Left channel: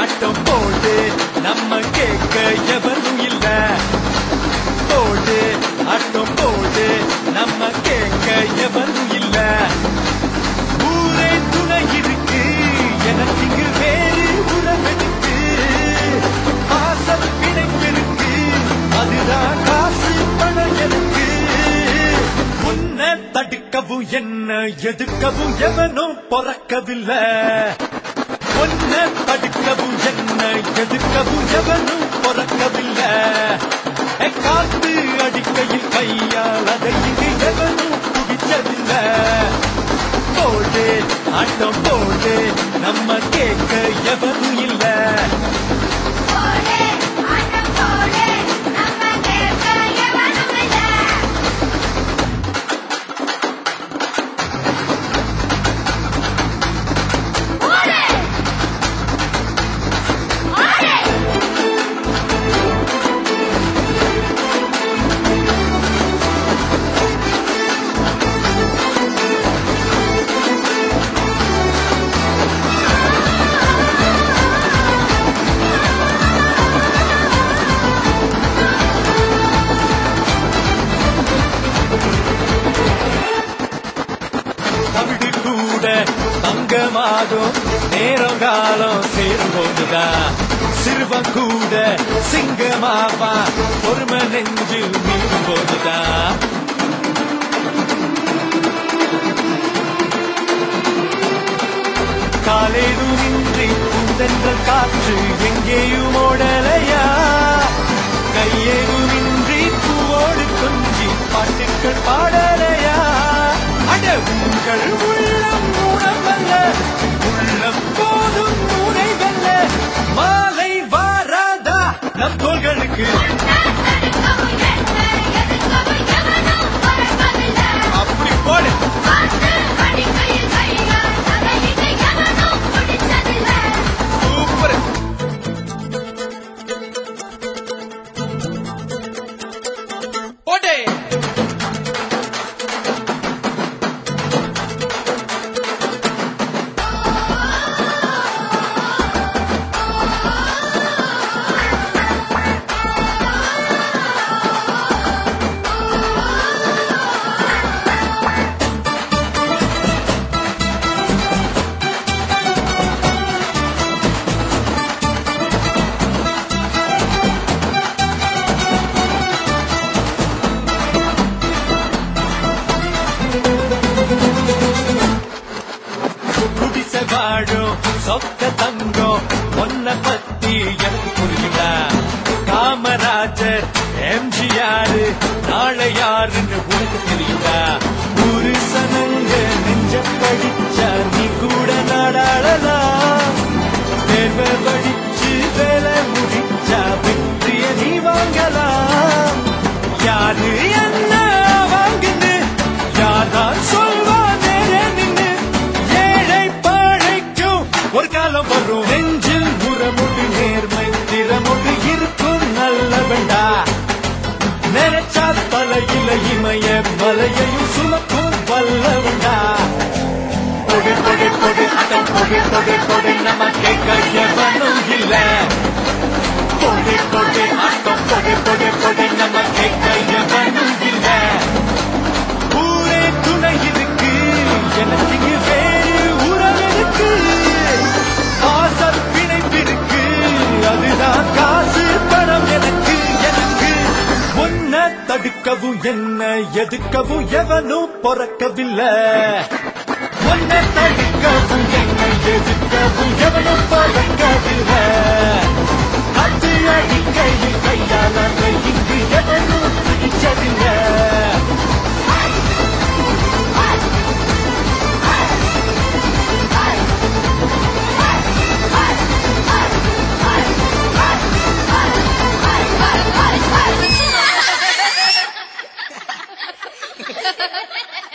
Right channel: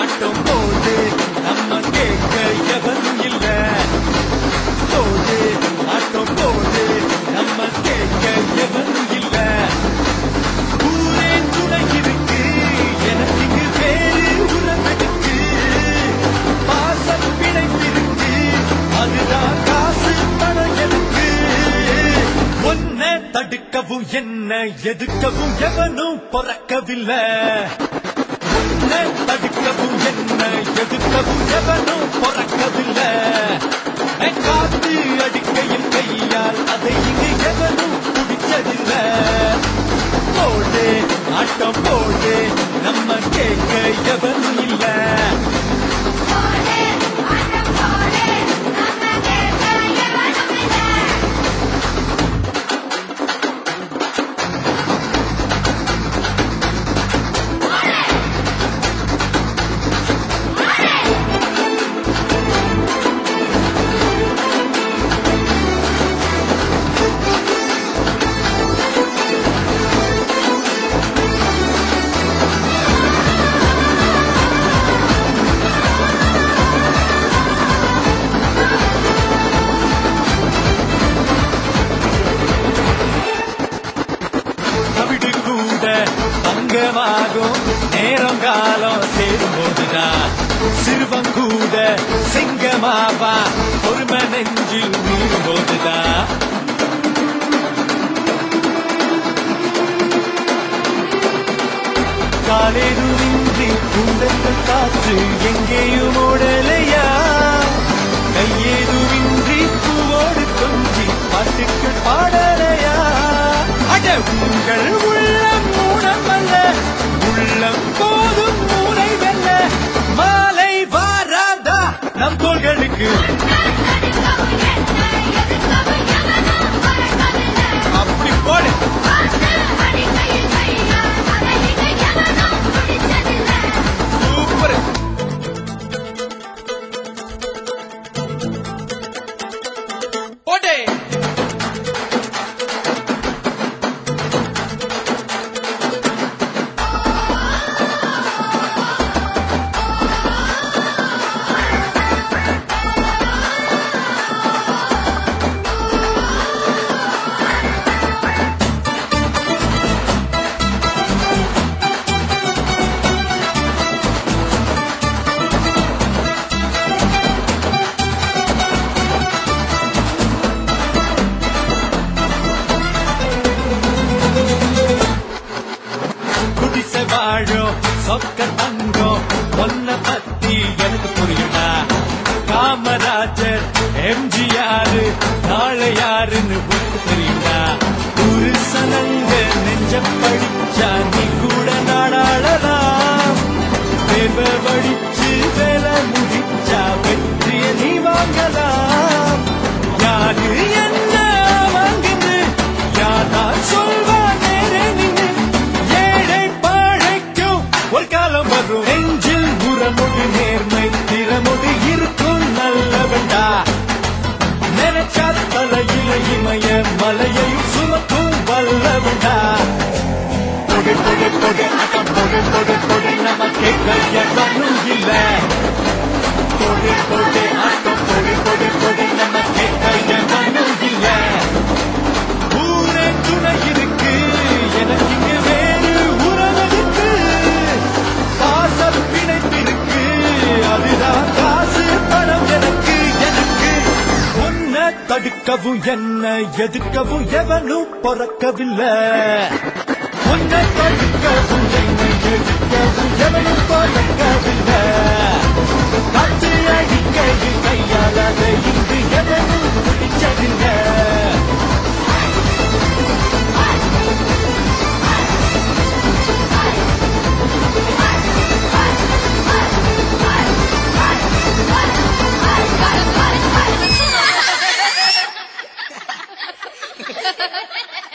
ஆட்டம் போடு நம்ம கேட்க எவரும் இல்ல. போடு ஆட்டம் போடு நம்ம கேட்க எவரும் இல்ல. ஊரே துணை இருக்கு எனக்கு இங்கு வேறு உறவெடுக்கு. பாசம் பிணைப்பிருக்கு அதுதான் காசு பணம் எனக்கு. உன்னை தடுக்கவும் என்ன எதுக்கவும் எவனும் பொறக்கவில்லை. உன்னை தடுக்கவும் என்ன எதுக்கவும் எவனும் பொறக்கவில்லை. காத்து அடிக்கையில் கையால் அதை இது எவனும் குடிச்சதில்லை. போடு ஆட்டம் போடு நம்ம கேட்க எவனும் இல்லை. நேரம் காலம் சேரும்போதுதா சிறுவன் கூட சிங்கமாவா பொறுமை நெஞ்சில் மீறும் போதுதா. காலையிலும் இன்றி உடைந்த காற்று எங்கேயும் ஓடலையா. கையேதும் இன்றி பூவோடு கொஞ்சி பாட்டுக்கள் பாடலையா. உங்கள் உள்ளம் மூலமல்ல உள்ளம் போதும் மூளைகள்ல. மாலை வாராதா நம் தோள்களுக்கு. அப்படி போடு சூப்பர். போட்டே சொக்க தங்கம் ஒன்ன பத்தி எனக்கு புரியுதா. காமராஜர் எம்ஜிஆர் நாளை யாருன்னு புரியுதா. ஒரு சனங்க நெஞ்ச படிச்சா நீ கூட நாடாளலாம். தேவ படிச்சு வேலை முடிச்சா வெற்றிய நீ வாங்கலாம். யாரு என்ன வாங்குது யாதான் சொல்வா வேலை நின்று. ஏழை பாழைக்கும் ஒரு காலம் வரும். நெஞ்சில் நிறமொழி நேர்மை திறமொழி இருக்கும் நல்லவண்டா. நினைச்சால் மலையில இமைய மலையையும் சுமக்கும் வல்லவண்டா. கொடு கொடு கொடு கொடு கொடு கொடு நமக்கு கையவனும் இல்லை. கொடு கொடு கொடு கொடு கொடு நமக்கு கையவனும் இல்லை. ஊரே துணை இருக்கு எனக்கு இங்கு வேறு உறவு இருக்கு. பாசம் பிணைப்பிருக்கு அதுதான் காசு பணம் எனக்கு எனக்கு. உன்னை தடுக்கவும் என்ன எதுக்கவும் எவனும் பொறக்கவில்லை. உன்னை தடுக்கவும் என்ன எதுக்கவும் எவனும் பொறக்கவில்லை. காற்று அடிக்கையில் கையால் அதை இங்கு எவனும் பிடிச்சதில்லை. Ha ha ha ha!